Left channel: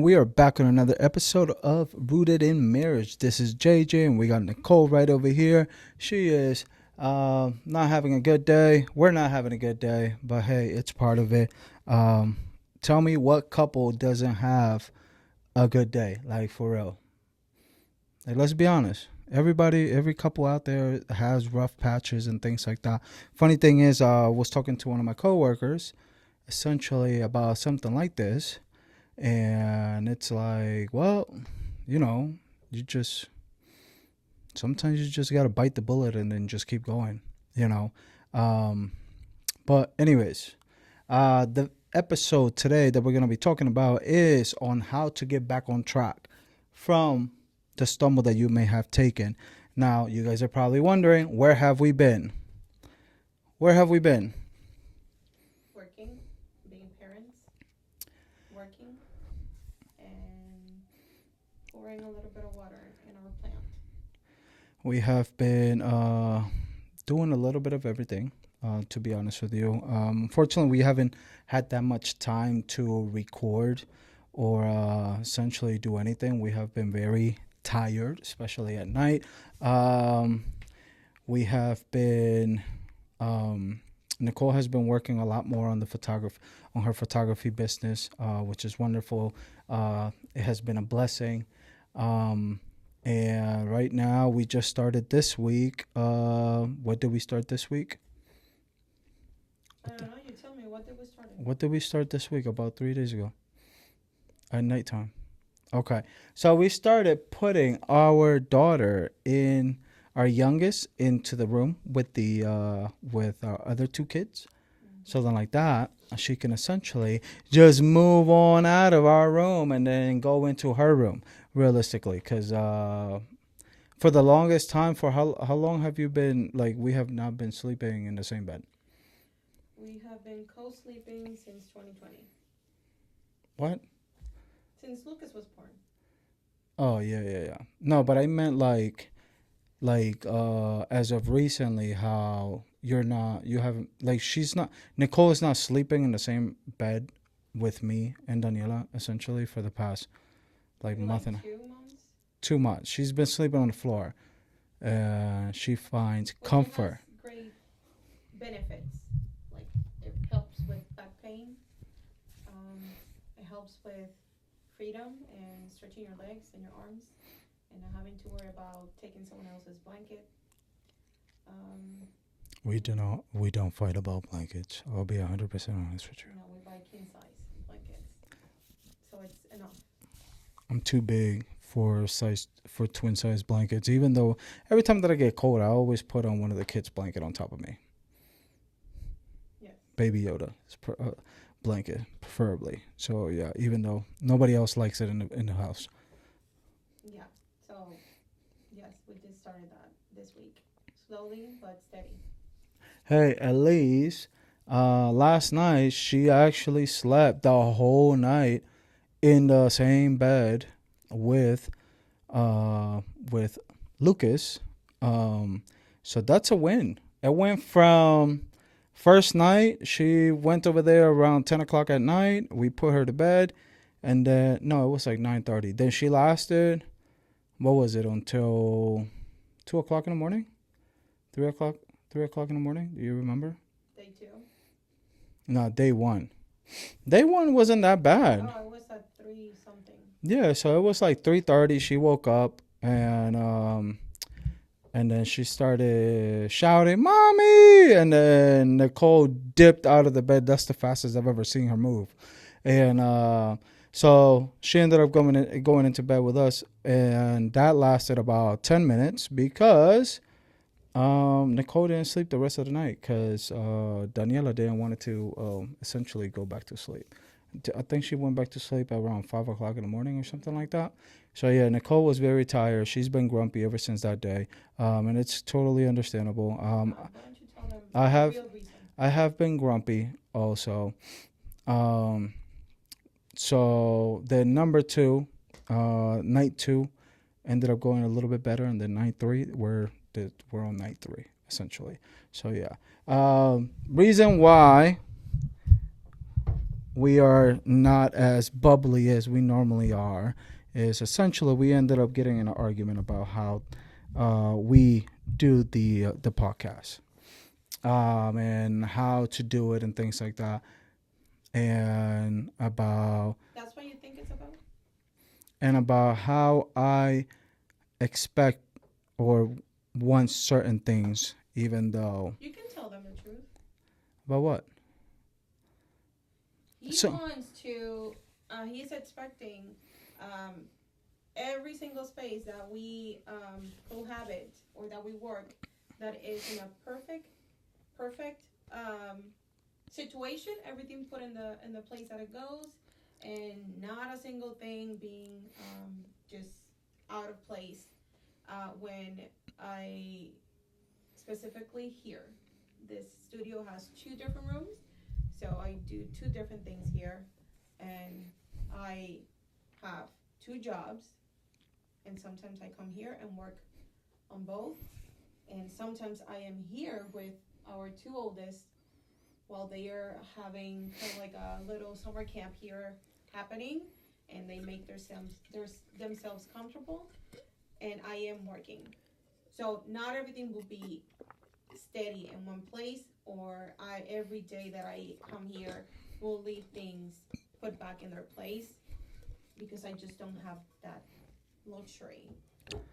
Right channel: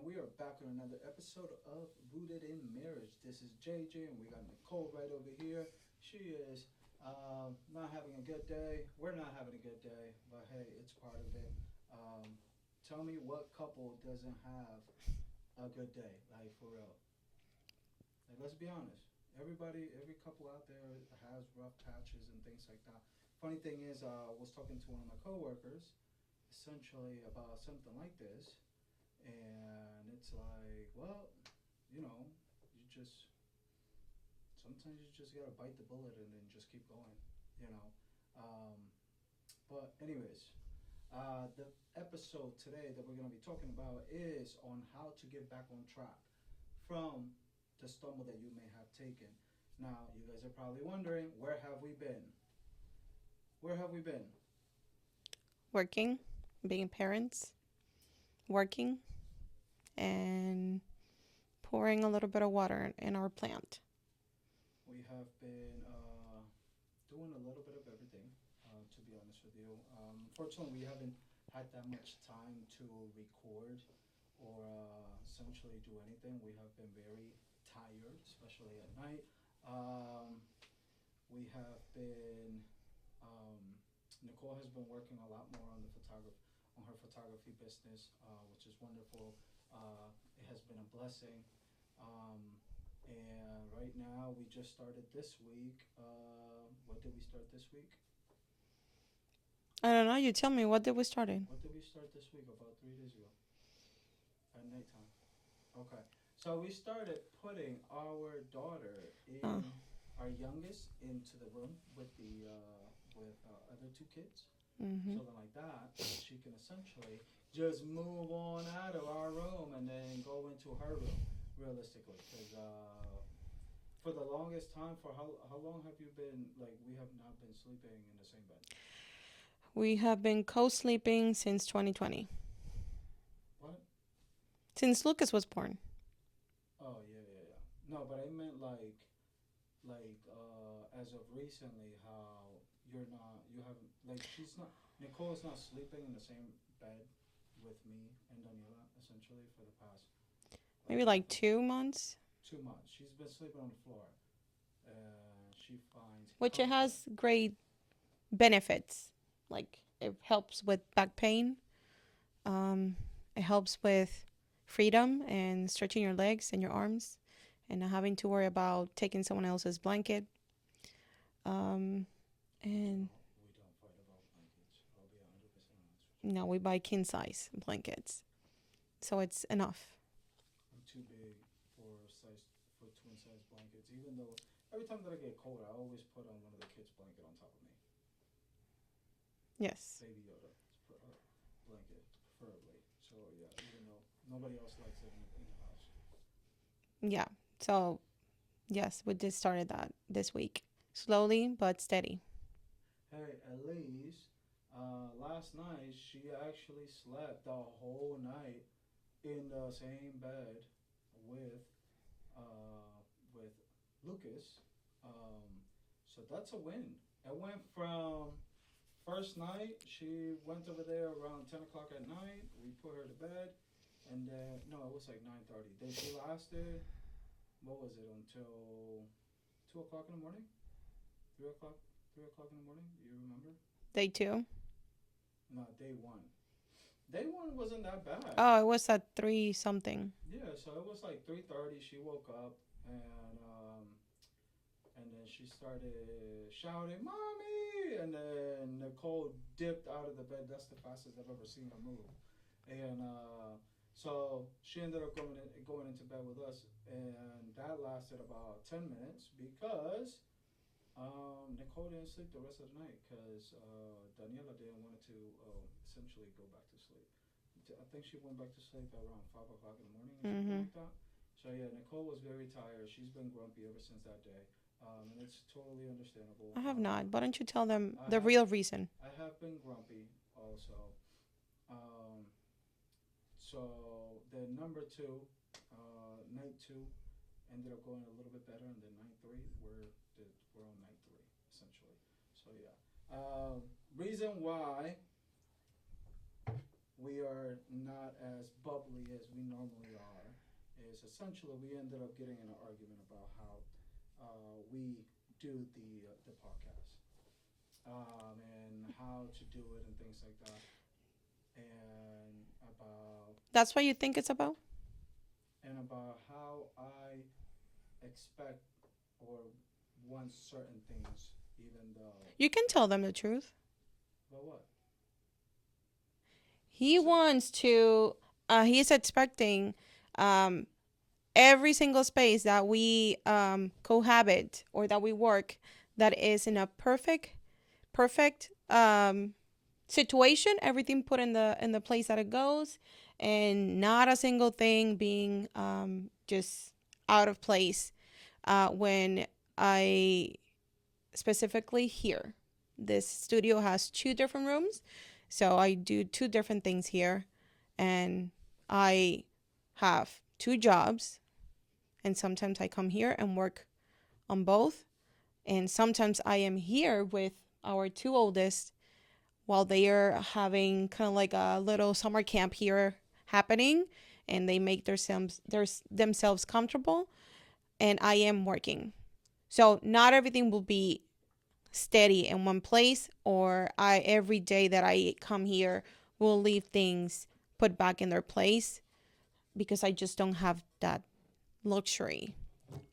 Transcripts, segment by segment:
and we are back on another episode of Rooted in Marriage. This is JJ, and we got Nicole right over here. She is not having a good day. We're not having a good day, but hey, it's part of it. Um, Tell me what couple doesn't have a good day, like for real. Like, let's be honest. Every couple out there has rough patches and things like that. Funny thing is, I was talking to one of my coworkers essentially about something like this. And it's like, well, you know, you just sometimes you just gotta bite the bullet and then just keep going, you know. Um, but anyways, the episode today that we're gonna be talking about is on how to get back on track from the stumble that you may have taken. Now, you guys are probably wondering, where have we been? Where have we been? Working, being parents, working, and pouring a little bit of water in our plant. We have been doing a little bit of everything, to be honest with you. Unfortunately, we haven't had that much time to record or essentially do anything. We have been very tired, especially at night. Um, we have been, Nicole has been working a lot more on on her photography business, which is wonderful. It has been a blessing. Um, and right now, we just started this week. What did we start this week? I don't know. You tell me. What did we start in? What did we start this week? About 3 days ago at nighttime. Okay. So we started putting our daughter in, our youngest, into the room with with our other two kids. So then, like that, she can essentially just move on out of our room and then go into her room, realistically. Because for the longest time, for how long have you been, like, we have not been sleeping in the same bed? We have been co-sleeping since 2020. What? Since Lucas was born. Oh, yeah, yeah, yeah. No, but I meant as of recently, how you haven't, like, Nicole is not sleeping in the same bed with me and Daniela, essentially, for the past, like, Maybe like nothing. 2 months. 2 months. She's been sleeping on the floor. She finds Which it comfort. has great benefits. Like, it helps with back pain. It helps with freedom and stretching your legs and your arms and not having to worry about taking someone else's blanket. We don't fight about blankets. I'll be 100% honest with you. No, we buy king size blankets. So it's enough. I'm too big for twin size blankets. Even though every time that I get cold, I always put on one of the kids' blanket on top of me. Yes. Baby Yoda blanket, preferably. So yeah, even though nobody else likes it in the house. Yeah. So, yes, we just started that this week. Slowly but steady. Hey, at least last night she actually slept the whole night in the same bed with with Lucas. So that's a win. It went from first night, she went over there around 10 o'clock at night. We put her to bed. And then, no, it was like 9:30. Then she lasted, what was it, until 2 o'clock in the morning? 3 o'clock? 3 o'clock in the morning? Do you remember? Day 2. No, day 1. Day 1 wasn't that bad. Oh, it was at 3 something. Yeah, so it was like 3:30. She woke up and then she started shouting, "Mommy!" And then Nicole dipped out of the bed. That's the fastest I've ever seen her move. And so she ended up going into bed with us. And that lasted about 10 minutes because Nicole didn't sleep the rest of the night because Daniela didn't want to essentially go back to sleep. I think she went back to sleep at around 5 o'clock in the morning or something like that. So, yeah, Nicole was very tired. She's been grumpy ever since that day, and it's totally understandable. I have not. Why don't you tell them the real reason? I have been grumpy also. So, the number 2, night 2, ended up going a little bit better, and then night 3, we're on night 3, essentially. So, yeah. Reason why we are not as bubbly as we normally are, is essentially we ended up getting in an argument about how we do the podcast, and how to do it and things like that, and about That's what you think it's about? how I expect or want certain things, even though You can tell them the truth. about what. He So wants to, he's expecting um, every single space that we cohabit or that we work that is in a perfect situation, everything put in the place that it goes, and not a single thing being just out of place. When I specifically here, this studio has two different rooms, so I do two different things here, and I have two jobs, and sometimes I come here and work on both, and sometimes I am here with our two oldest while they are having kind of like a little summer camp here happening, and they make themselves comfortable, and I am working. So not everything will be steady in one place, or I every day that I come here will leave things put back in their place, because I just don't have that luxury.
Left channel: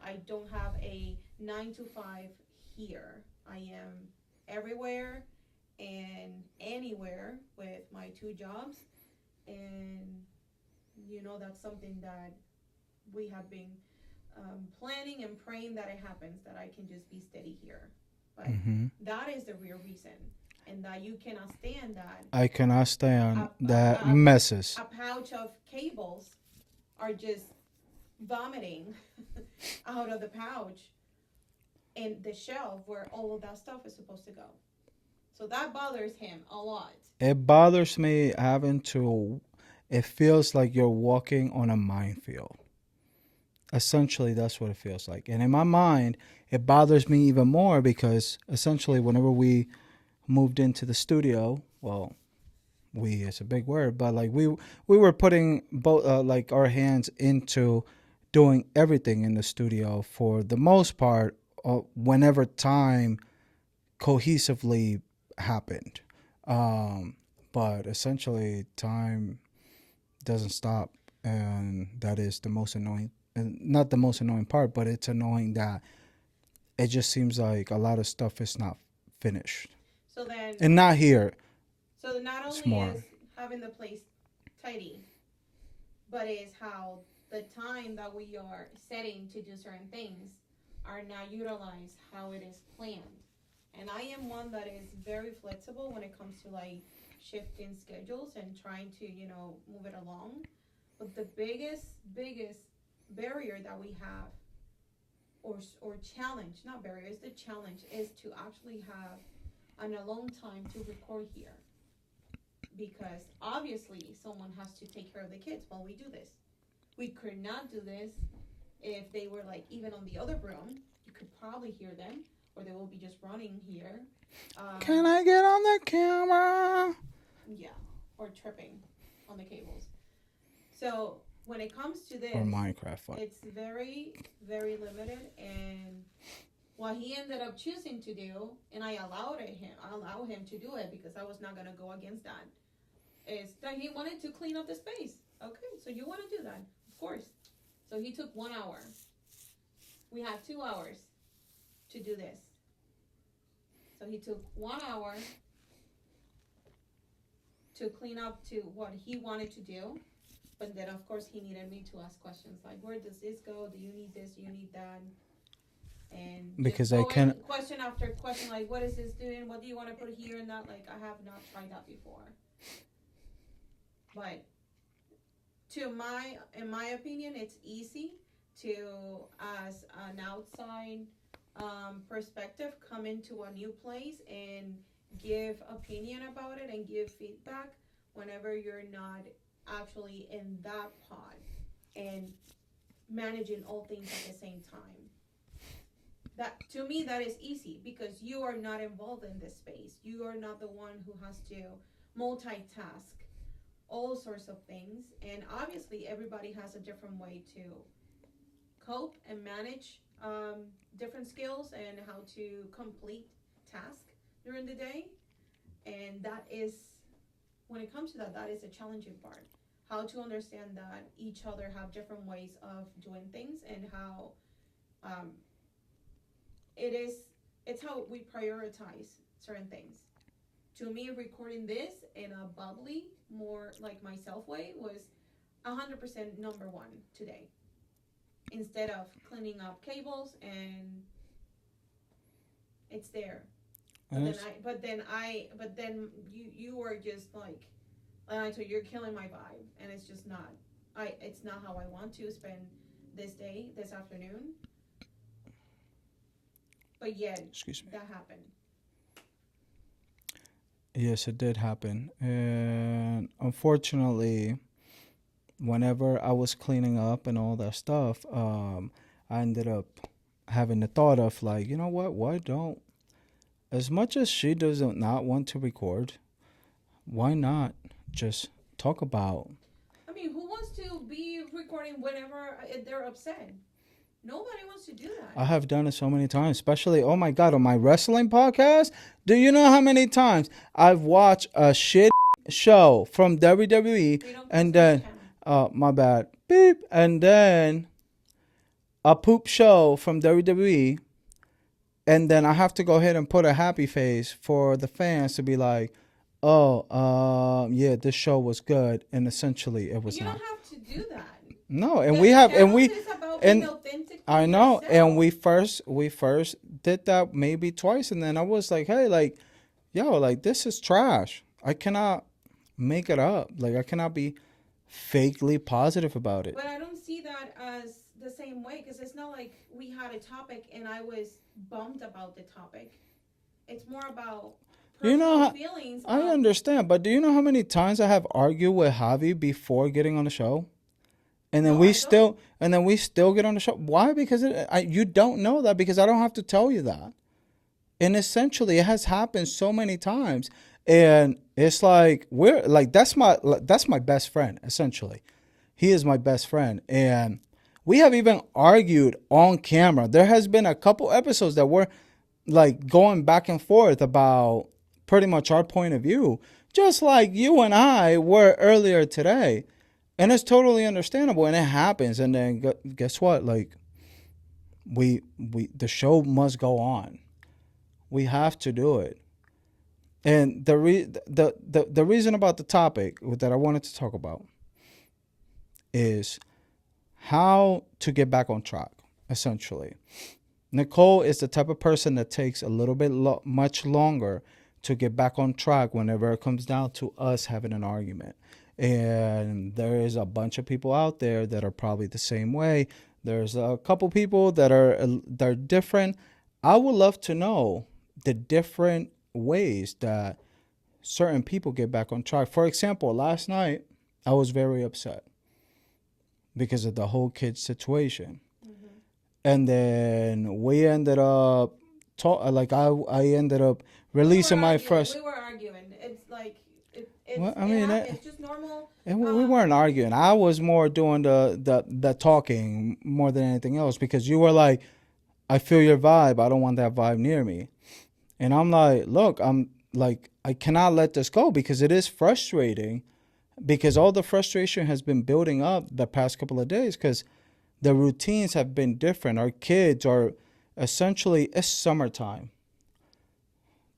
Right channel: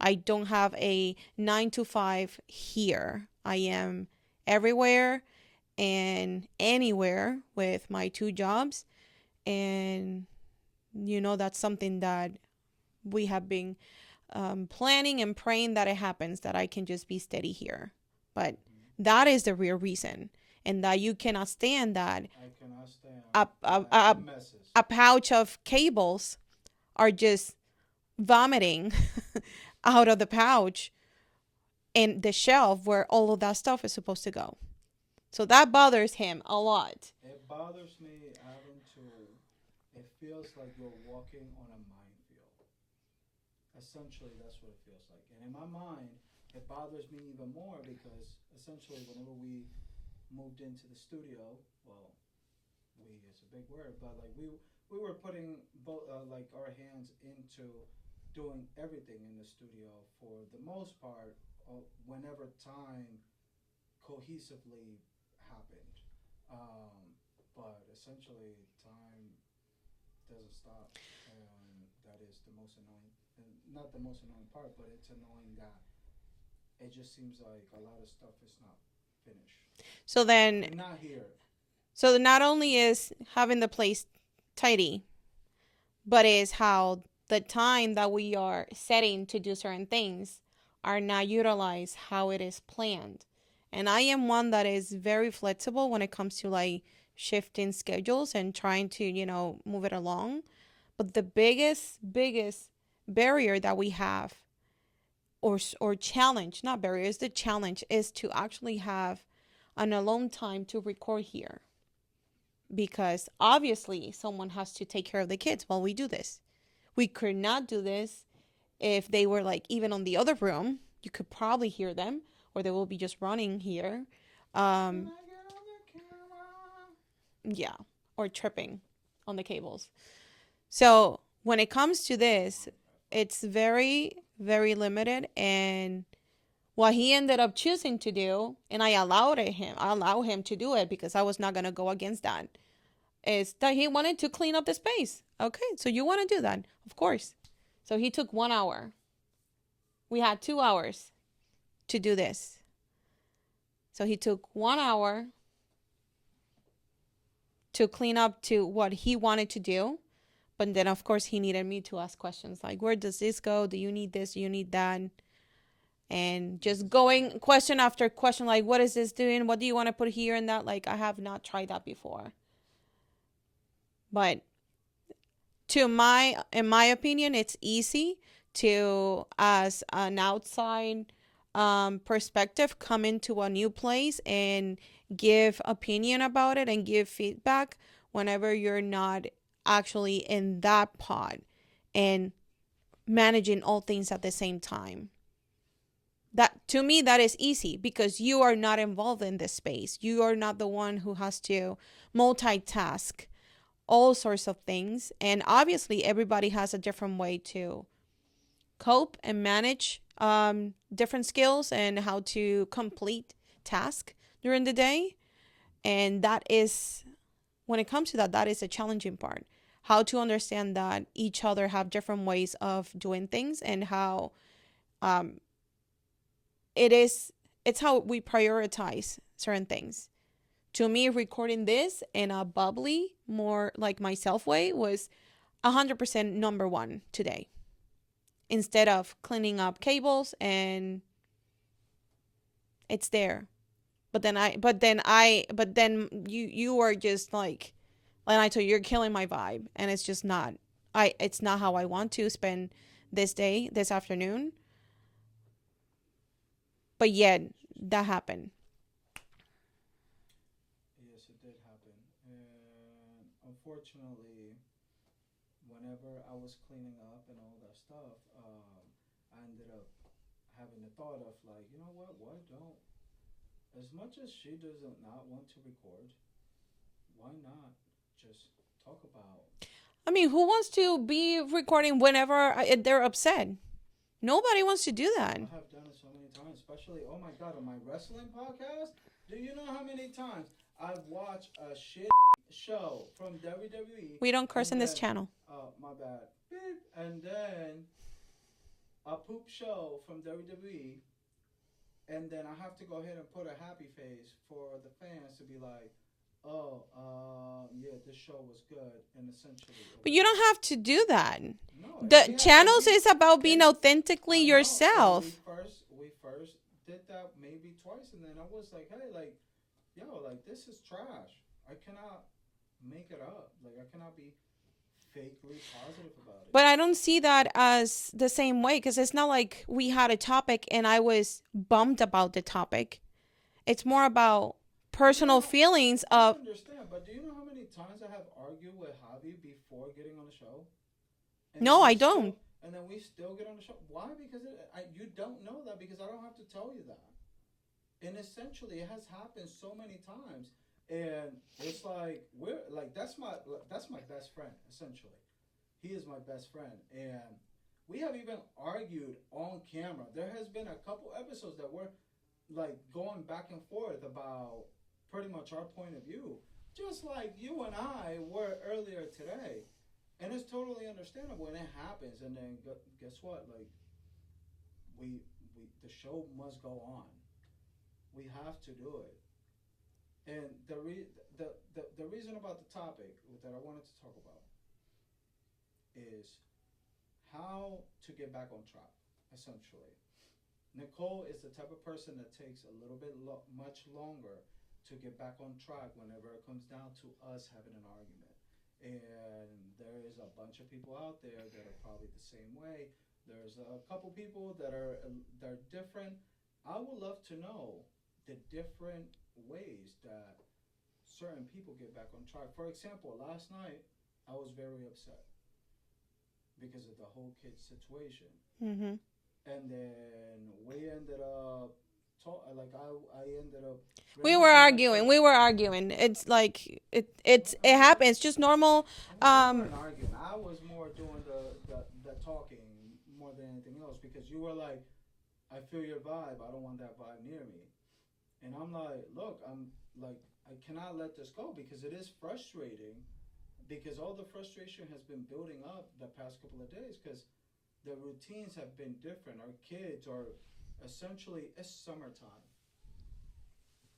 I don't have a 9 to 5 here. I am everywhere and anywhere with my two jobs. And, that's something that we have been planning and praying that it happens, that I can just be steady here. But hmm that is the real reason. And that you cannot stand that I cannot stand a, a, that a, messes. a pouch of cables are just vomiting out of the pouch and the shelf where all of that stuff is supposed to go. So that bothers him a lot. It bothers me having to. It feels like you're walking on a minefield. Essentially, that's what it feels like. And in my mind, it bothers me even more because essentially, whenever we moved into the studio, well, we is a big word, but like we were putting both like our hands into doing everything in the studio for the most part. Whenever time cohesively happened, um, but essentially time doesn't stop, and that is the most annoying. And not the most annoying part, but it's annoying that it just seems like a lot of stuff is not finished So then, and not here. so not It's only more. is having the place tidy, but is how the time that we are setting to do certain things are not utilized how it is planned. And I am one that is very flexible when it comes to like shifting schedules and trying to, move it along. But the biggest barrier that we have, or challenge, not barriers, the challenge is to actually have an alone time to record here, because obviously someone has to take care of the kids while we do this. We could not do this if they were like even on the other room. You could probably hear them, or they will be just running here. Can Um, I get on the camera? yeah, or tripping on the cables. So when it comes to Or this, Minecraft. it's very, very limited. And what he ended up choosing to do, and I allow him to do it because I was not gonna go against that, is that he wanted to clean up the space. Okay, so you want to do that, of course. So he took 1 hour. We had 2 hours to do this. So he took 1 hour to clean up to what he wanted to do. But then, of course, he needed me to ask questions like, where does this go? Do you need this? Do you need that? And just Because I going can. question after question, like, what is this doing? What do you want to put here and that? Like, I have not tried that before. But in my opinion, it's easy to, as an outside perspective, come into a new place and give opinion about it and give feedback whenever you're not actually in that pod and managing all things at the same time. That, to me, that is easy because you are not involved in this space. You are not the one who has to multitask all sorts of things. And obviously, everybody has a different way to cope and manage different skills and how to complete tasks during the day. And that is, when it comes to that, that is a challenging part. How to understand that each other have different ways of doing things, and how um, it is, it's how we prioritize certain things. To me, recording this in a bubbly, more like myself way was 100% number one today, instead of cleaning up cables. And it's there. But then you were just like I told you, you're killing my vibe, and it's just not. It's not how I want to spend this day, this afternoon. But yet, that happened. Yes, it did happen. And unfortunately, whenever I was cleaning up and all that stuff, I ended up having the thought of like, you know what? Why don't, as much as she doesn't not want to record, why not just talk about? I mean, who wants to be recording whenever they're upset? Nobody wants to do that. I have done it so many times, especially, oh my God, on my wrestling podcast. Do you know how many times I've watched a shit show from WWE? We don't curse and on then, this channel. my bad, beep, and then a poop show from WWE, and then I have to go ahead and put a happy face for the fans to be like, oh, yeah, this show was good, and essentially it was. But you not. don't have to do that. No, and The we have channels and we, is about being and authentically I know, yourself. and we first did that maybe twice, and then I was like, hey, like, yo, like this is trash. I cannot make it up. Like I cannot be fakely positive about it. But I don't see that as the same way, because it's not like we had a topic and I was bummed about the topic. It's more about personal feelings I of. understand, but do you know how many times I have argued with Javi before getting on the show? And then No, we I still don't. and then we still get on the show. Why? Because you don't know that, because I don't have to tell you that. And essentially, it has happened so many times, and it's like we're like that's my best friend. Essentially, he is my best friend, and we have even argued on camera. There has been a couple episodes that we're like going back and forth about pretty much our point of view, just like you and I were earlier today. And it's totally understandable, and it happens. And then guess what? Like we the show must go on. We have to do it. And the reason about the topic that I wanted to talk about is how to get back on track. Essentially, Nicole is the type of person that takes a little bit much longer to get back on track whenever it comes down to us having an argument. And there is a bunch of people out there that are probably the same way. There's a couple people that are different. I would love to know the different ways that certain people get back on track. For example, last night I was very upset because of the whole kid situation. Mm-hmm. And then we ended up like I ended up We were releasing my arguing. first. We were arguing. It's like it. Well, I It mean, happens. It's just normal. and we weren't arguing. I was more doing the talking more than anything else, because you were like, I feel your vibe. I don't want that vibe near me. And I'm like, look, I'm like, I cannot let this go, because it is frustrating, because all the frustration has been building up the past couple of days, because the routines have been different. Our kids are essentially, it's summertime.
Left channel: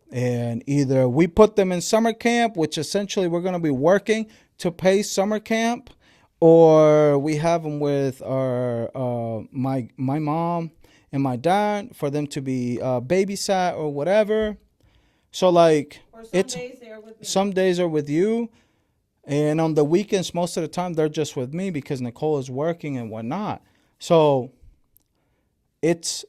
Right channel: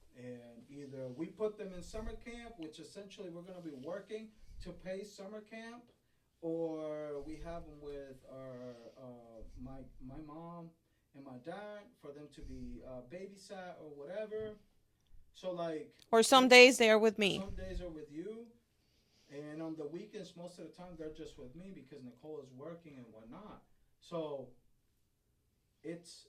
And either we put them in summer camp, which essentially we're going to be working to pay summer camp, or we have them with our my mom and my dad for them to be babysat or whatever. So like, Or some days they are with me. Some days are with you, and on the weekends, most of the time they're just with me because Nicole is working and whatnot. So it's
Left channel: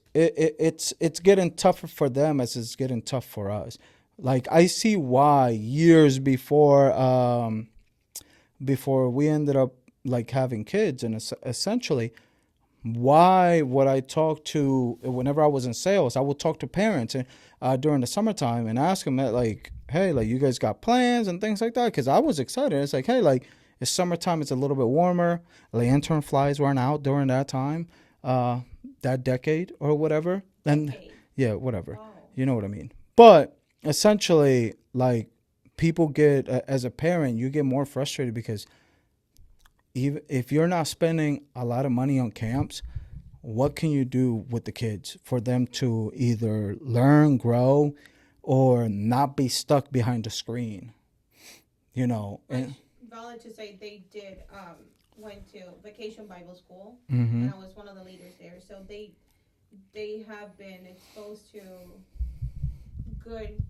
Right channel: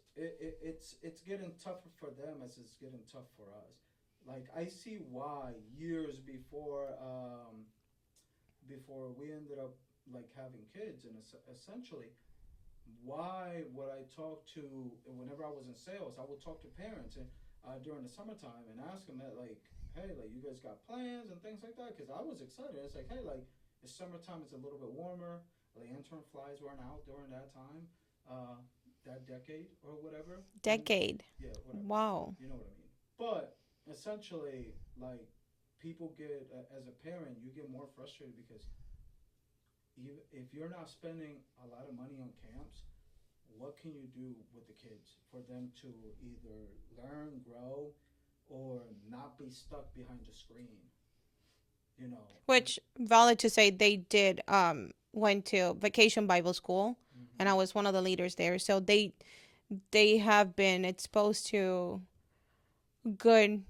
getting tougher for them as it's getting tough for us. Like I see why years before we ended up like having kids, and essentially why would I talk to, whenever I was in sales, I would talk to parents and during the summertime and ask them that, like, hey, like, you guys got plans and things like that? Because I was excited. It's like, hey, like, it's summertime. It's a little bit warmer. Lantern flies weren't out during that time, uh, that decade or whatever. And Decade. yeah, whatever. Wow. You know what I mean. But essentially, like, people get, as a parent, you get more frustrated because even if you're not spending a lot of money on camps, what can you do with the kids for them to either learn, grow, or not be stuck behind a screen? You know. Which valid to say they did went to vacation Bible school, Mm-hmm. and I was one of the leaders there. So they have been exposed to good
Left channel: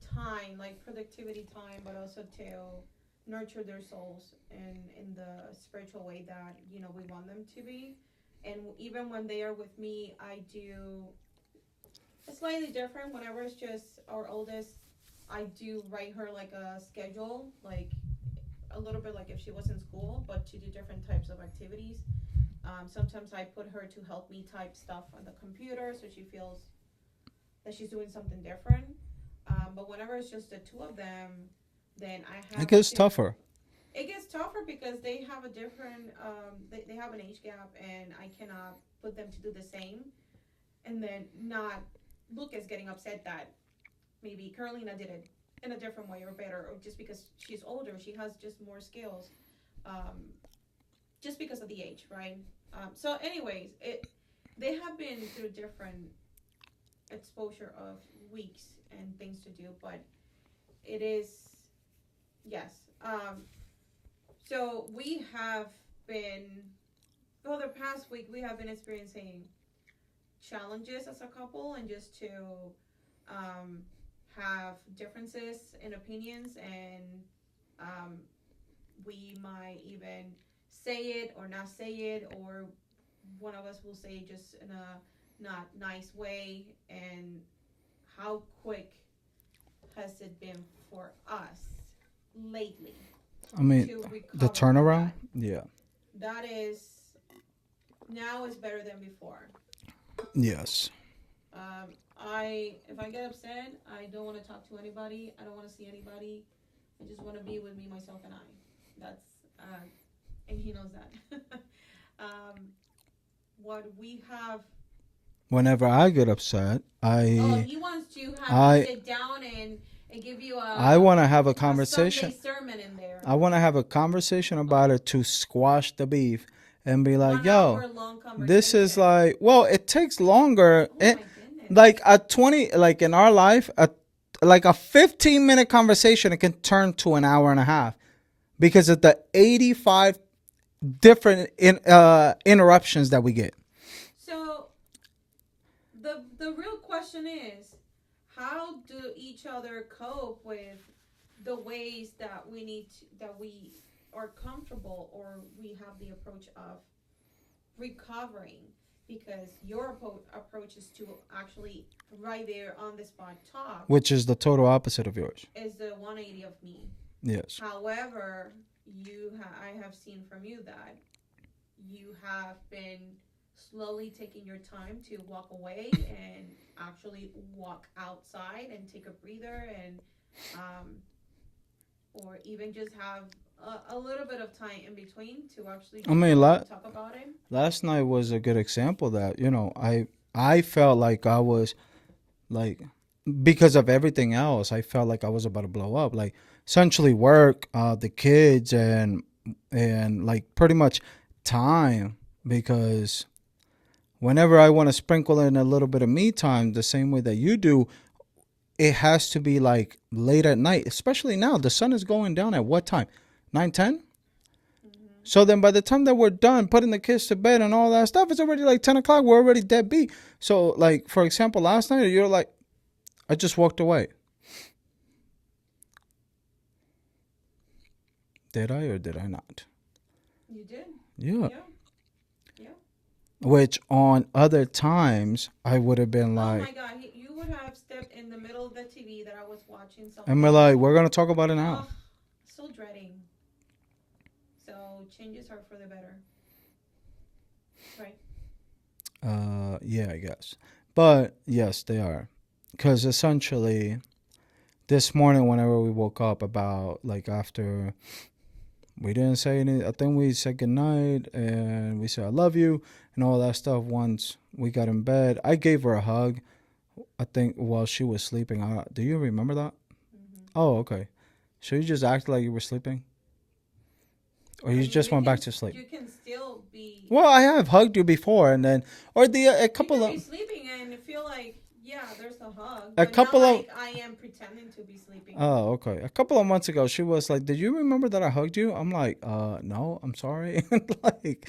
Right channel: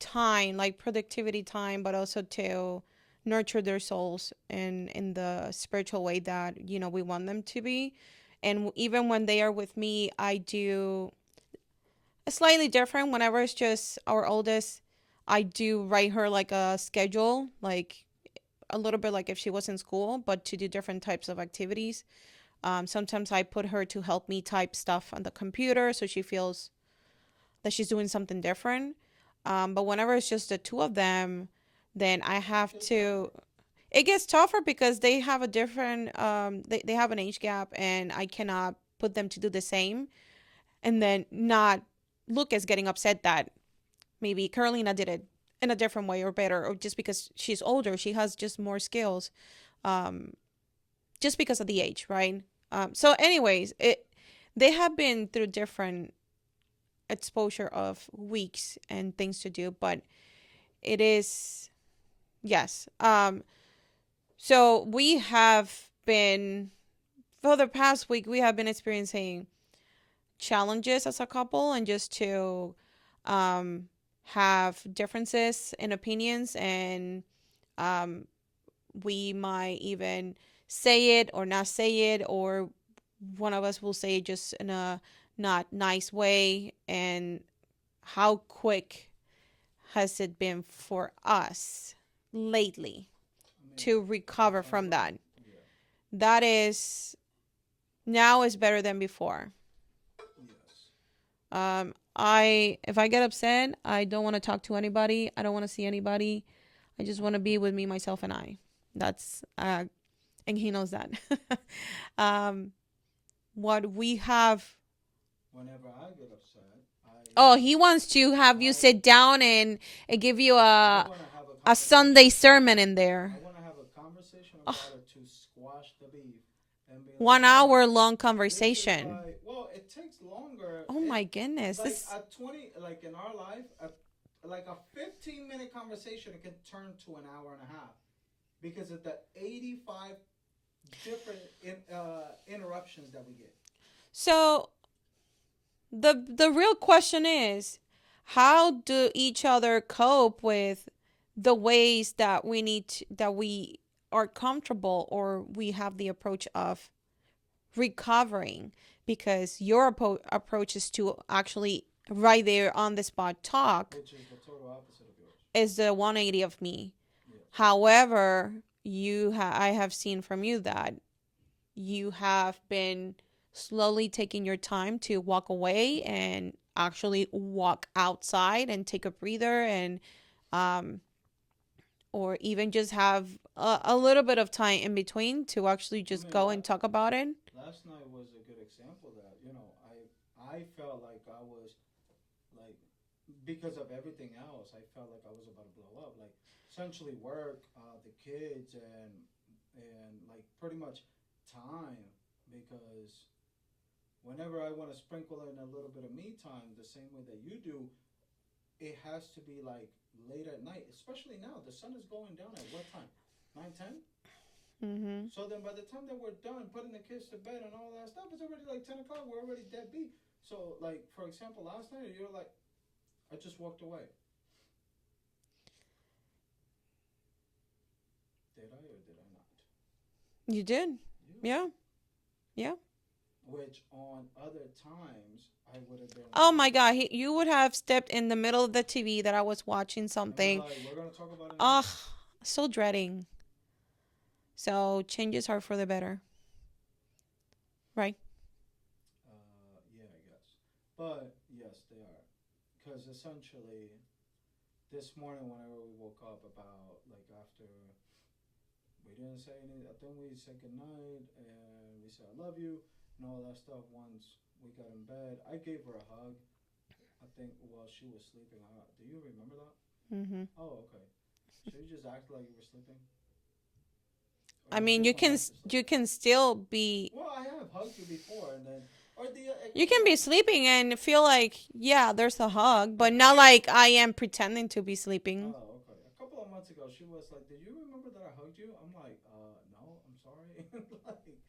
time, like productivity time, but also to nurture their souls in the spiritual way that we want them to be. And even when they are with me, I do slightly different. Whenever it's just our oldest, I do write her like a schedule, like a little bit like if she was in school, but to do different types of activities. Sometimes I put her to help me type stuff on the computer so she feels that she's doing something different. But whenever it's just the two of them, then I It have gets to. tougher. It gets tougher because they have a different. They have an age gap, and I cannot put them to do the same, and then not look as getting upset that maybe Carolina did it in a different way or better, or just because she's older, she has just more skills, um, just because of the age, right? So, anyways, they have been through different exposure of weeks and things to do, but it is yes. So we have been for the past week we have been experiencing challenges as a couple, and just to um, have differences in opinions, and um, we might even say it or not say it, or one of us will say it just in a not nice way. And how quick has it been for us lately I mean, to the recover from turnaround. that? Yeah. That is now is better than before. Yes. I if I get upset, I don't want to talk to anybody. I don't want to see anybody. I just want to be with me, myself, and I. That's and he knows that. um, what we have. Whenever I get upset, Oh, I he wants to have you I sit down and give you I want to have a a Sunday conversation. sermon in I there. want to have a conversation about it to squash the beef and be like, 1 hour yo, long this is conversation. like, well, it takes longer. Oh It, my goodness. like a 20, like in our life, like a 15-minute conversation, it can turn to an hour and a half because of the 85 different interruptions that we get. So the real question is, how do each other cope with the ways that that we are comfortable, or we have the approach of recovering? Because your approach is to actually right there on the spot talk, Which is the total opposite of yours. is the 180 of me. Yes. However, I have seen from you that you have been slowly taking your time to walk away and actually walk outside and take a breather, and um or even just have a little bit of time in between to actually I just mean, go and talk about it. last night was a good example that, I felt like I was like, because of everything else, I felt like I was about to blow up. Like, essentially work, the kids, and like pretty much time, because whenever I want to sprinkle in a little bit of me time the same way that you do, it has to be like late at night, especially now. The sun is going down at what time? 9, 10. Mm-hmm. So then by the time that we're done putting the kids to bed and all that stuff, it's already like 10 o'clock. We're already dead beat. So, like, for example, last night, you're like, I just walked away. Did I or did I not? You did. Yeah. Yeah. Yeah. Which on other times, I would have been Oh like, my God. You would have stepped in the middle of the TV that I was watching I'm something. like, we're going to talk about it now. Ugh. So dreading. So changes are for the better. Right. Yeah, I guess. But yes, they are. Because essentially, this morning, whenever we woke up, about like after we didn't say any, I think we said goodnight and we said I love you and all that stuff. Once we got in bed, I gave her a hug. I think while she was sleeping. Do you remember that? Hmm. Oh, okay. So you just acted like you were sleeping, or I you mean, just went back to sleep? you can still be Well, I have hugged you before, and then or the a you couple can of be sleeping and feel like, yeah, there's a hug, a but not couple of like I am pretending to be sleeping. oh, okay. A couple of months ago, she was like, "Did you remember that I hugged you?" I'm like, no, I'm sorry." Like,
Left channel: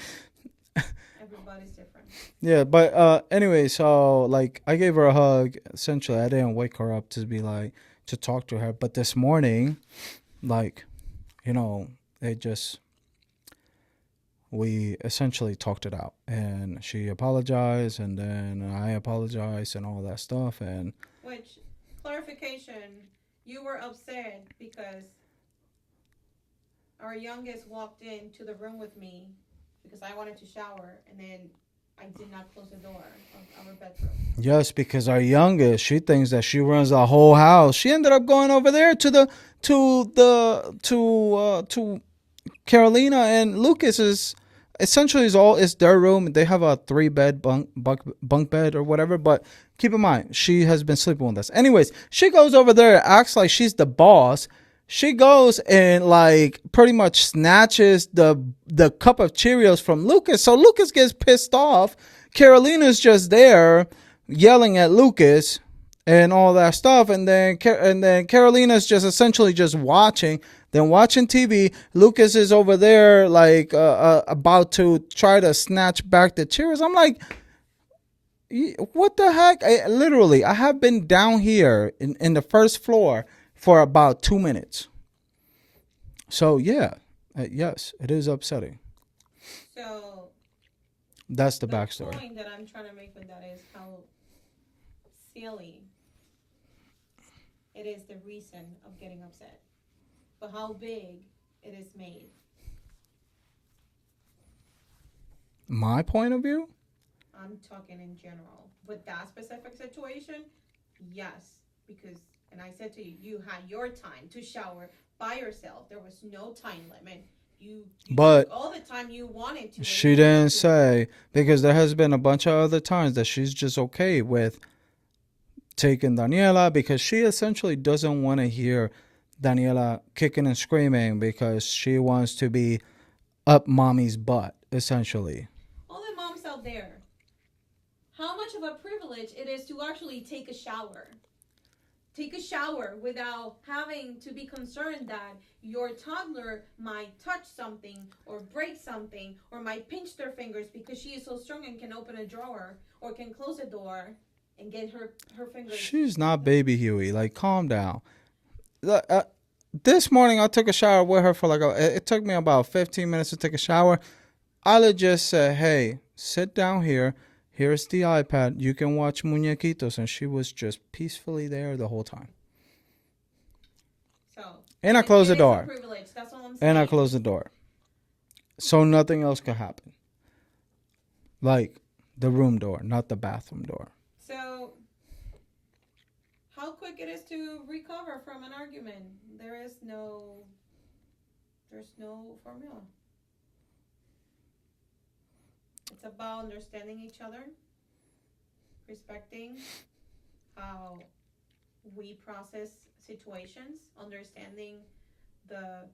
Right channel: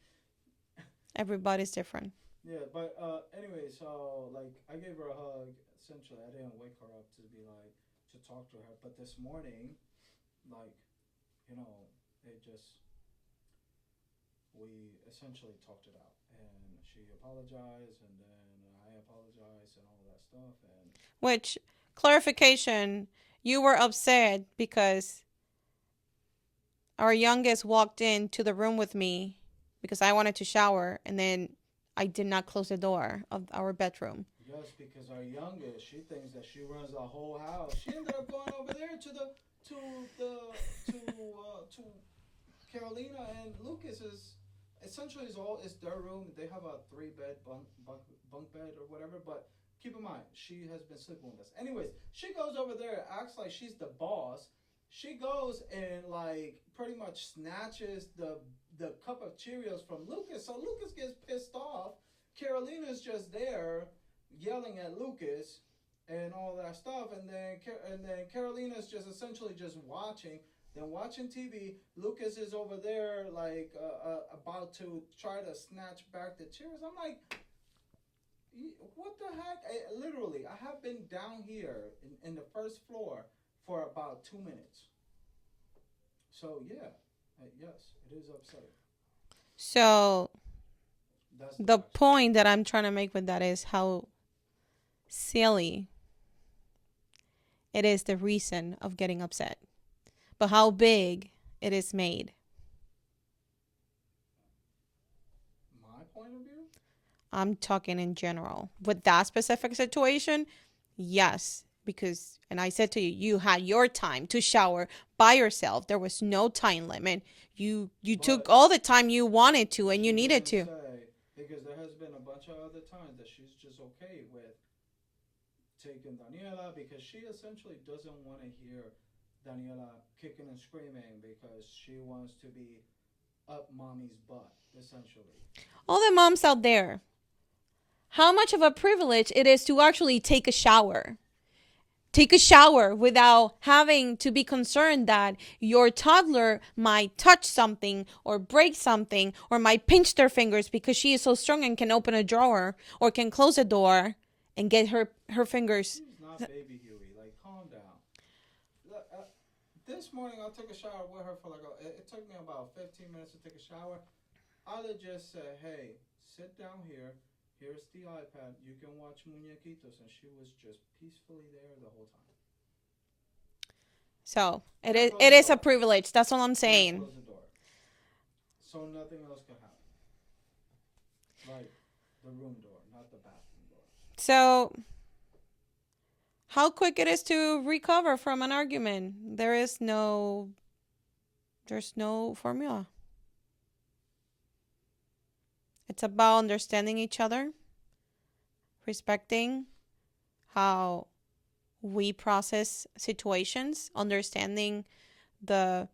Everybody's different. yeah, but anyway, so like, I gave her a hug. Essentially, I didn't wake her up to be like to talk to her, but this morning, like, you know, it just we essentially talked it out, and she apologized, and then I apologized, and all that stuff, and Which, clarification, you were upset because our youngest walked into the room with me because I wanted to shower, and then I did not close the door of our bedroom. yes, because our youngest, she thinks that she runs the whole house. She ended up going over there to Carolina and Lucas's. Essentially, is their room. They have a 3 bed bunk bed or whatever. But keep in mind, she has been sleeping with us. Anyways, she goes over there, acts like she's the boss. She goes and like pretty much snatches the cup of Cheerios from Lucas. So Lucas gets pissed off. Carolina's just there yelling at Lucas and all that stuff, and then Carolina's just essentially just watching, then watching TV. Lucas is over there like about to try to snatch back the Cheerios. I'm like, what the heck? Literally, I have been down here in the first floor for about 2 minutes. So yeah, yes, it is upsetting. So, That's the the backstory. point that I'm trying to make with that is how silly it is the reason of getting upset, but how big it is made. My point of view. I'm talking in general. With that specific situation, yes, because and I said to you, you had your time to shower by yourself. There was no time limit. You took But all the time you wanted to and you she needed didn't to. say, because there has been a bunch of other times that she's just okay with taking Daniela, because she essentially doesn't want to hear Daniela kicking and screaming because she wants to be up mommy's butt, essentially. All the moms out there, how much of a privilege it is to actually take a shower. Take a shower without having to be concerned that your toddler might touch something or break something or might pinch their fingers because she is so strong and can open a drawer or can close a door and get her fingers. She's not baby Huey. Like, calm down. This morning, I took a shower with her for like it took me about 15 minutes to take a shower. I just said, hey, sit down here. Here's the iPad. You can watch Muñequitos. And she was just peacefully there the whole time. So And I closed it the is a door. privilege. That's all I'm And I saying. closed the door. So nothing else could happen. Like the room door, not the bathroom door. So how quick it is to recover from an argument? There's no formula. It's about understanding each other, respecting how we process situations, understanding the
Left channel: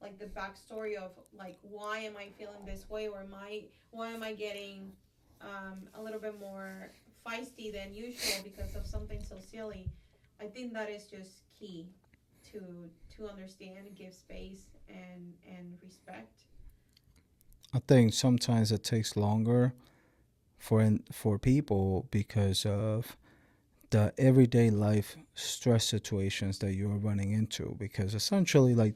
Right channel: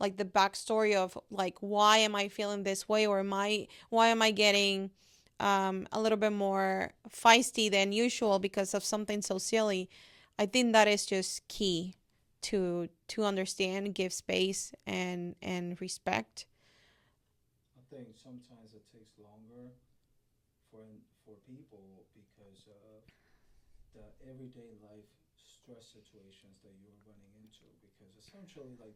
the backstory of like why am I feeling this way or why am I getting a little bit more feisty than usual because of something so silly. I think that is just key to understand, give space and respect. I think sometimes it takes longer for people because of the everyday life stress situations that you're running into, because essentially like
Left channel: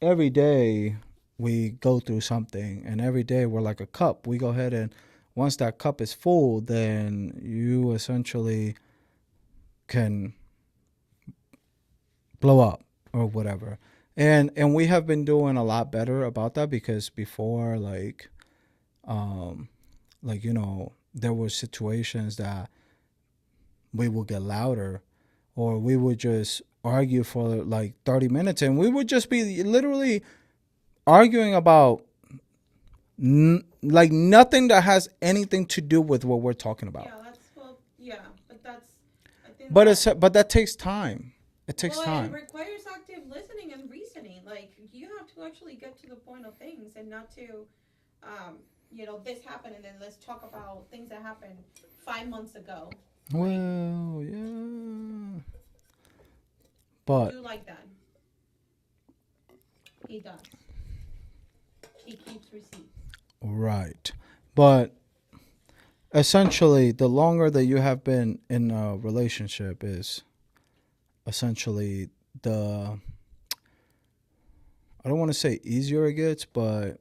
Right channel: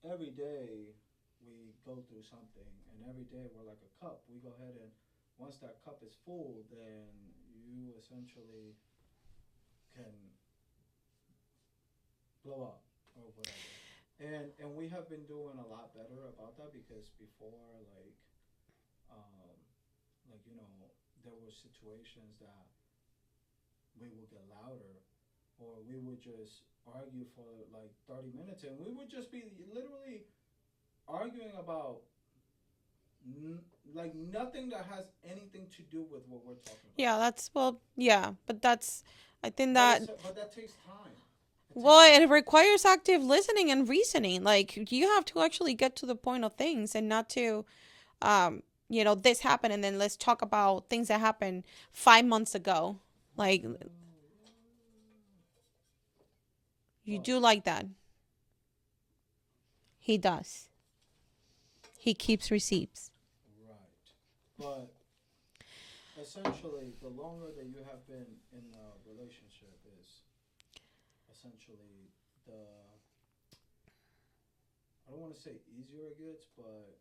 every day we go through something, and every day we're like a cup. We go ahead and once that cup is full, then you essentially can blow up or whatever. And we have been doing a lot better about that, because before, um there were situations that we will get louder or we would just argue for like 30 minutes, and we would just be literally arguing about like nothing that has anything to do with what we're talking about. Yeah, that's well, yeah, but that's I think But that it's but that takes time. It takes well, it time. requires active listening and reasoning. Like you have to actually get to the point of things and not to this happened and then let's talk about things that happened 5 months ago. Like Well, yeah. you But do like that. He does. He keeps receipts. right. But essentially, the longer that you have been in a relationship is essentially the, I don't want to say easier it gets, but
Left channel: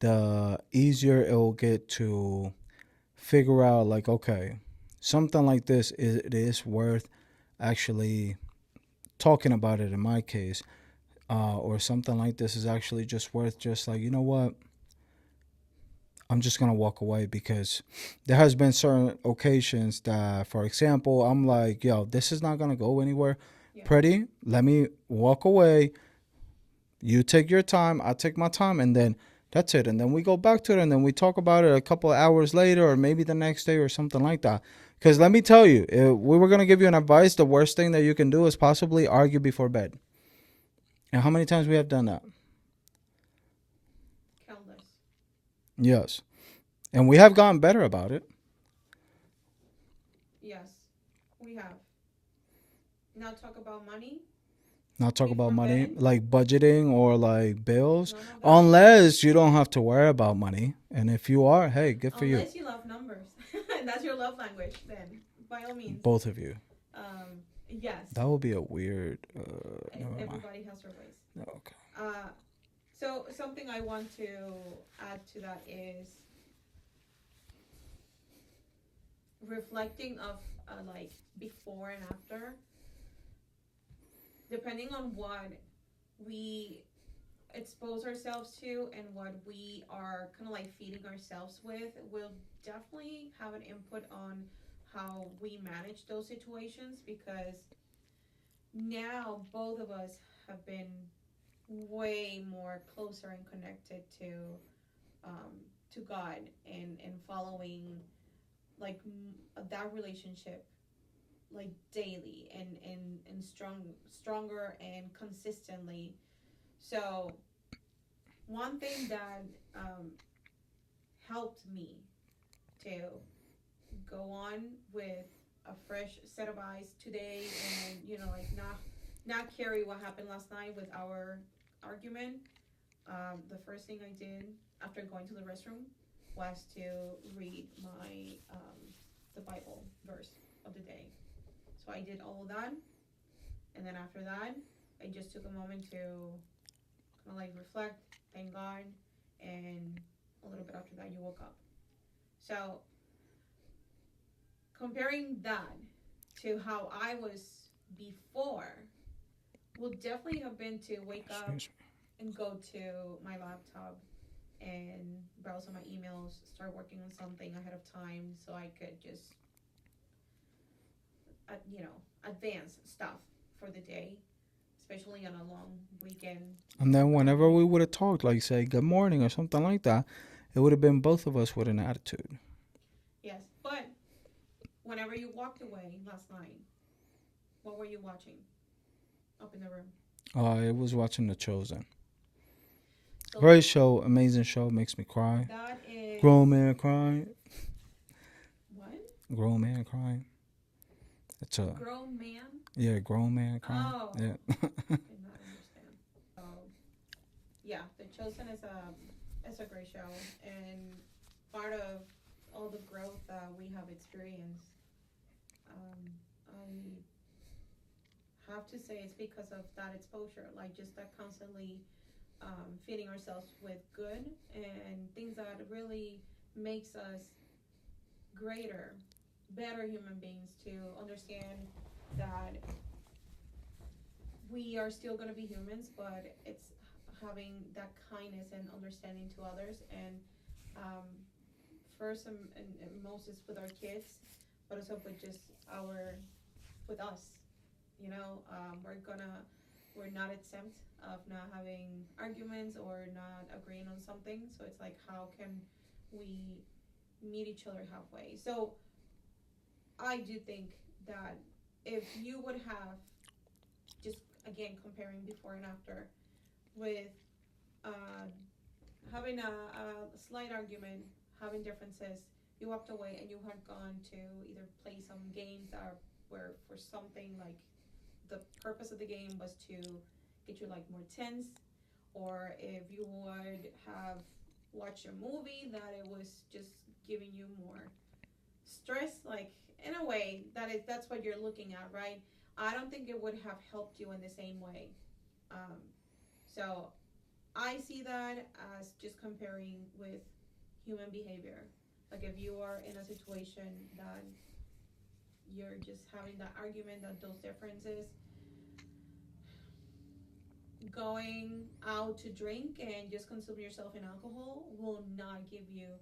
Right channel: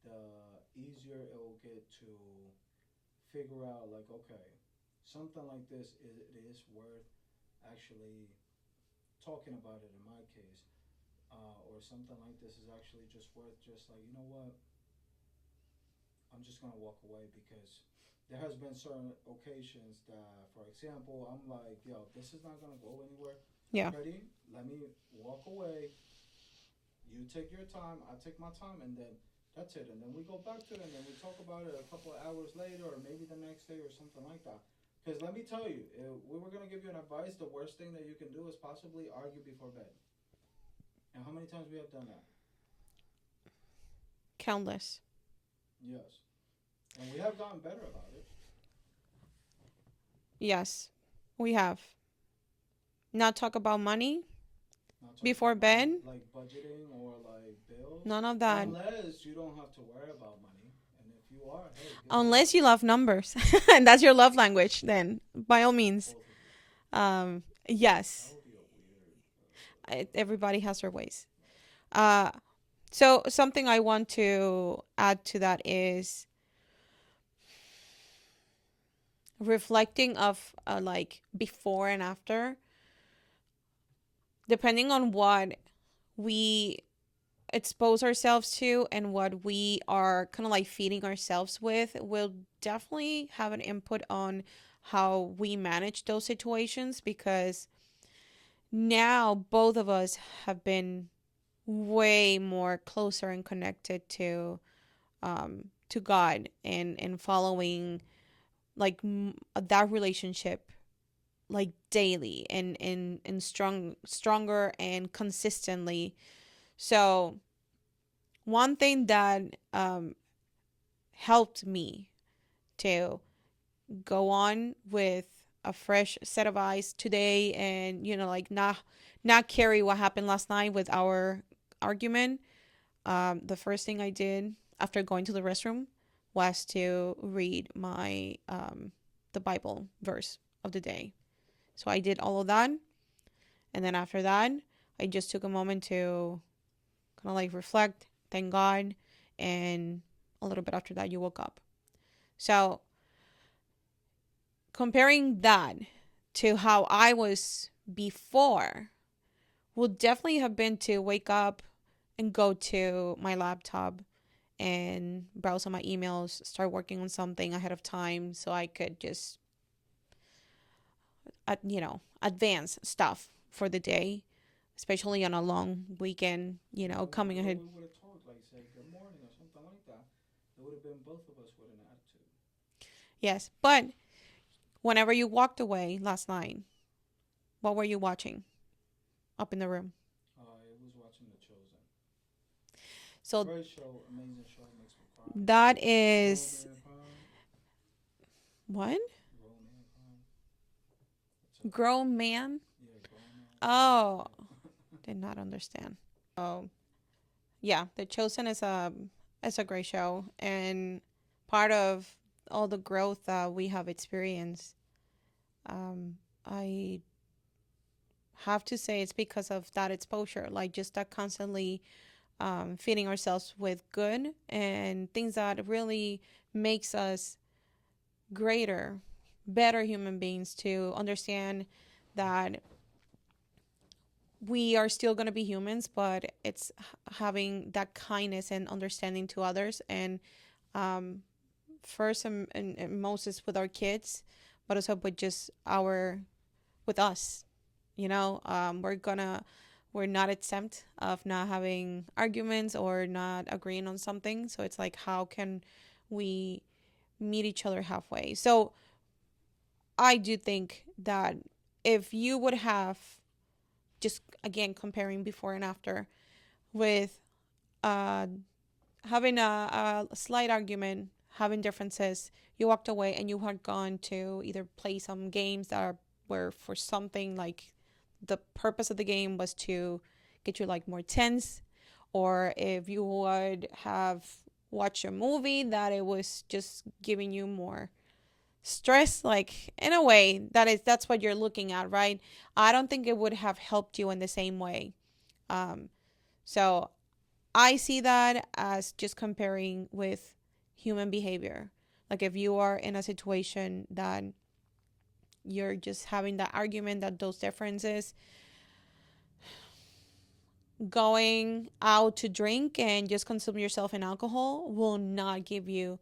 the easier it will get to figure out like, okay, something like this is, it is worth actually talking about it in my case, or something like this is actually just worth just like, you know what, I'm just gonna walk away, because there has been certain occasions that, for example, I'm like, yo, this is not gonna go anywhere. Yeah. Pretty, let me walk away. You take your time, I take my time, and then that's it. And then we go back to it, and then we talk about it a couple of hours later, or maybe the next day, or something like that. Because let me tell you, if we were gonna give you an advice, the worst thing that you can do is possibly argue before bed. And how many times we have done that? Countless. Yes, and we have gotten better about it. Yes. We have. Not talk about money Not talk about before money, bed. like budgeting or like bills, None of that. unless you don't have to worry about money. And if you are, hey, good for you. Unless you love numbers and that's your love language, then by all means. Both of you. That Yes. would be a weird. Never mind. Everybody has their ways. Okay. Uh, so something I want to add to that is reflecting of like before and after, depending on what we expose ourselves to and what we are kind of like feeding ourselves with will definitely have an input on how we manage those situations because now both of us have been way more closer and connected to God and following like that relationship like daily and stronger and consistently. So one thing that helped me to go on with a fresh set of eyes today and like not carry what happened last night with our argument. The first thing I did after going to the restroom was to read my the Bible verse of the day. So I did all of that, and then after that, I just took a moment to kind of like reflect, thank God, and a little bit after that, you woke up. So comparing that to how I was before would definitely have been to wake up and go to my laptop and browse on my emails, start working on something ahead of time so I could just, advance stuff for the day, especially on a long weekend, And then coming whenever in. we would have talked, like say good morning or something like that, it would have been both of us with an attitude. Yes. But whenever you walked away last night, what were you watching up in the room? I was watching The Chosen. So Great show, amazing show, makes me cry. that Grown is man crying. what? Grown man crying. It's a Grown man? yeah, grown man crying. Oh, Yeah. did not understand. Oh, yeah. The Chosen is a great show and part of all the growth that we have experienced. I have to say it's because of that exposure, like just that constantly feeding ourselves with good and things that really makes us greater, better human beings to understand that we are still going to be humans, but it's having that kindness and understanding to others. And um, first and most is with our kids, but also with just with us. You know, we're not exempt of not having arguments or not agreeing on something. So it's like, how can we meet each other halfway? So I do think that if you would have, just again comparing before and after, with uh, having a slight argument, having differences, you walked away and you had gone to either play some games that were for something like the purpose of the game was to get you like more tense, or if you would have watched a movie that it was just giving you more stress, like in a way that's what you're looking at, right? I don't think it would have helped you in the same way. um, so I see that as just comparing with human behavior. Like if you are in a situation that you're just having that argument, that those differences, going out to drink and just consume yourself in alcohol will not give you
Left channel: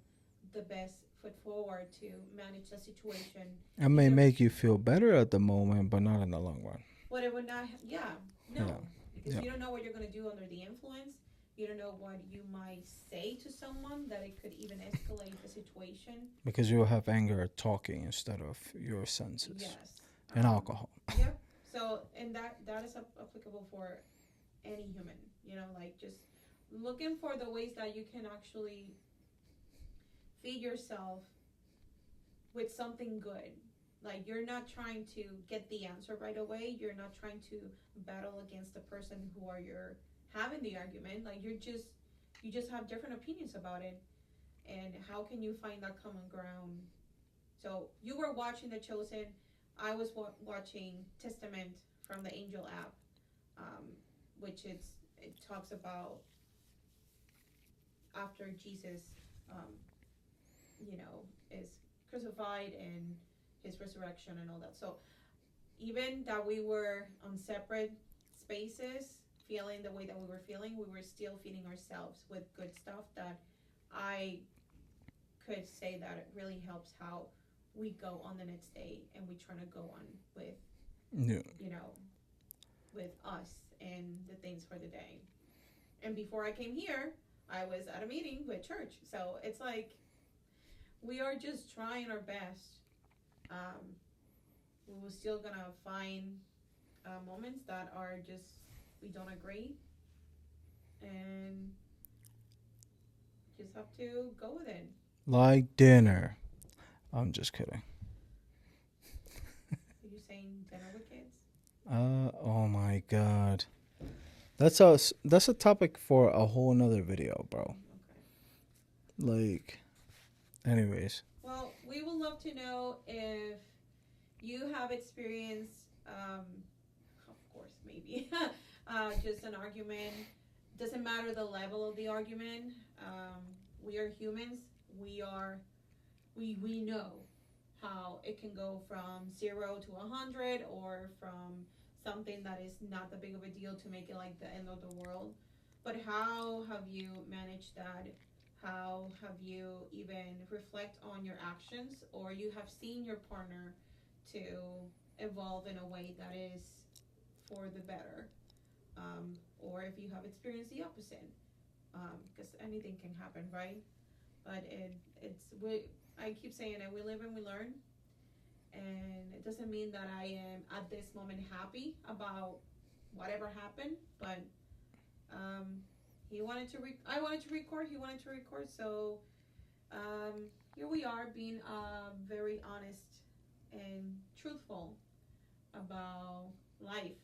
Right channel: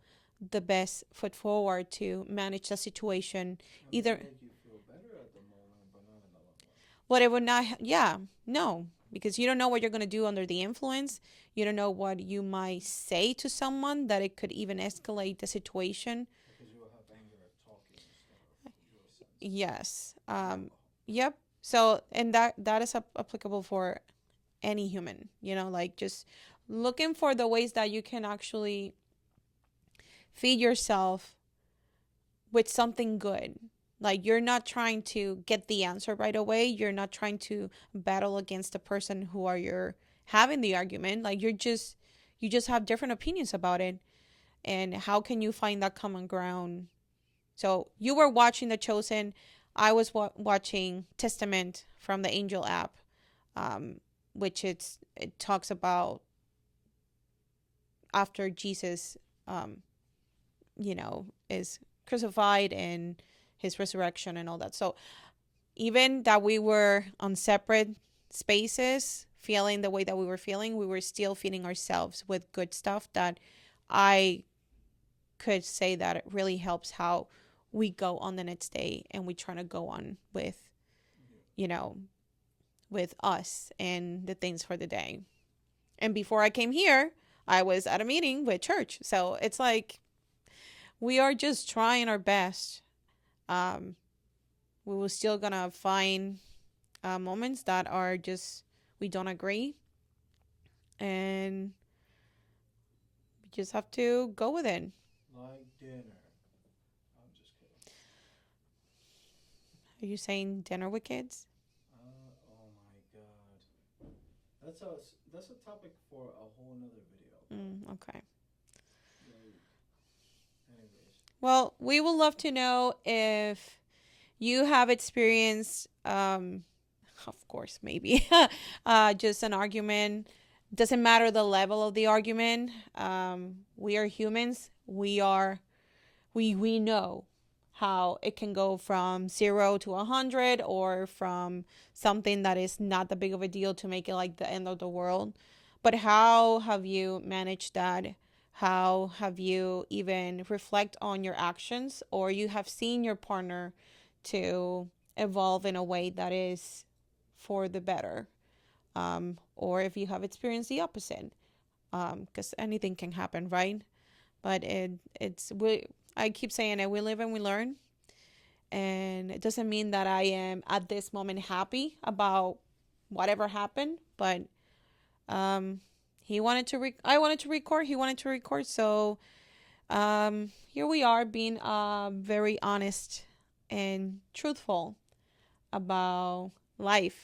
the best foot forward to manage the situation. It may Either, make you feel better at the moment, but not in the long run. but it would not, yeah, Yeah. no, because Yeah. you don't know what you're going to do under the influence. You don't know what you might say to someone that it could even escalate the situation. Because you'll have anger talking instead of your senses Yes. and alcohol. Yep. So, and that is applicable for any human, you know, like just looking for the ways that you can actually feed yourself with something good. Like you're not trying to get the answer right away. You're not trying to battle against the person who are you're having the argument. Like you just have different opinions about it. And how can you find that common ground? So you were watching The Chosen. I was watching Testament from the Angel app, um, which it talks about after Jesus, um, is crucified and his resurrection and all that. So even that we were on separate spaces, feeling the way that we were feeling, we were still feeding ourselves with good stuff that I could say that it really helps how we go on the next day and we try to go on with, Yeah. you know, with us and the things for the day. And before I came here, I was at a meeting with church. So it's like we are just trying our best. Um, we were still gonna find moments that are just we don't agree, and we just have to go with it. Like dinner. I'm just kidding. Are you saying dinner with kids? Oh my god. That's a topic for a whole nother video, bro. Okay. Like, anyways. Well, we would love to know if you have experienced, of course, maybe, just an argument. Doesn't matter the level of the argument. We are humans. We know how it can go from 0 to 100, or from something that is not that big of a deal to make it like the end of the world. But how have you managed that? How have you even reflect on your actions, or you have seen your partner to evolve in a way that is for the better? Or if you have experienced the opposite, because anything can happen, right? But I keep saying it. We live and we learn, and it doesn't mean that I am at this moment happy about whatever happened. But um, I wanted to record. He wanted to record. So here we are, being very honest and truthful about life.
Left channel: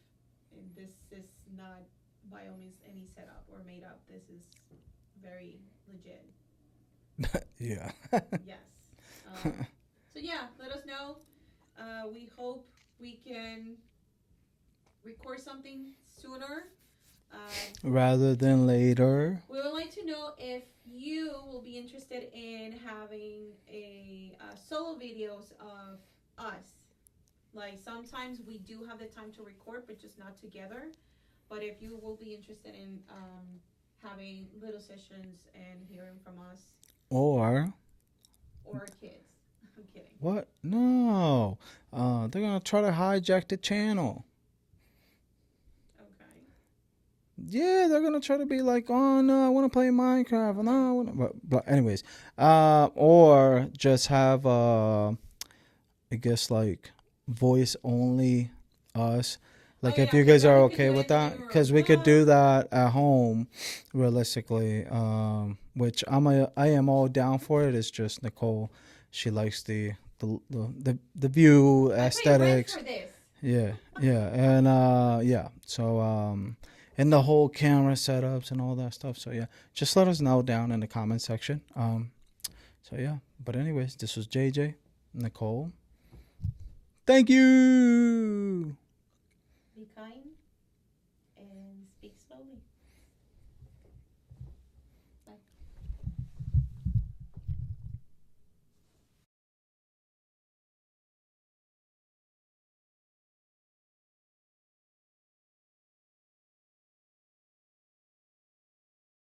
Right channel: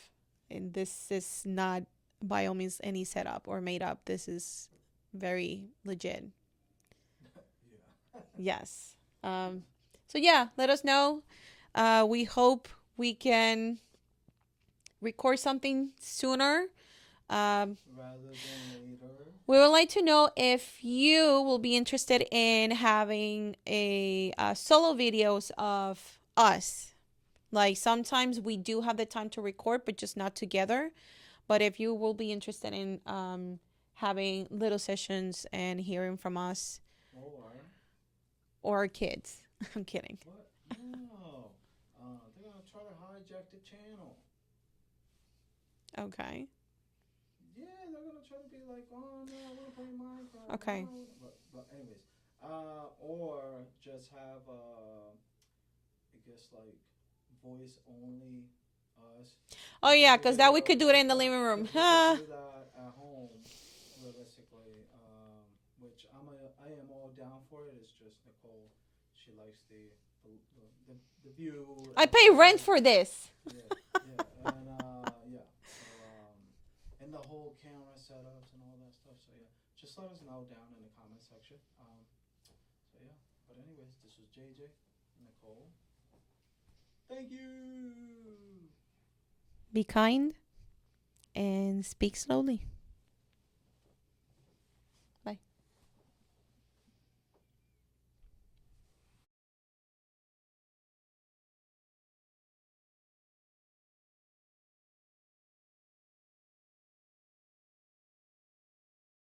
And this is not by all means any setup or made up. This is very legit. Yeah. Yes. So yeah, let us know. We hope we can record something sooner. Rather than later. We would like to know if you will be interested in having a solo videos of us. Like sometimes we do have the time to record, but just not together. But if you will be interested in having little sessions and hearing from us Or or our kids. I'm kidding. what? No. They're gonna try to hijack the channel. Okay. Yeah, they're gonna try to be like, oh no, I want to play Minecraft. Okay. No, I wanna, but anyways, or just have I guess like voice only us. Oh Like if yeah, you because guys that are we could do okay it with in the that, living room. because we could do that at home, realistically. Which I am all down for it. It's just Nicole, she likes the view I pay rent aesthetics. for this. Yeah, yeah, and yeah. So and the whole camera setups and all that stuff. So yeah, just let us know down in the comment section. So yeah, but anyways, this was JJ, Nicole. Thank you. Be kind and speak slowly.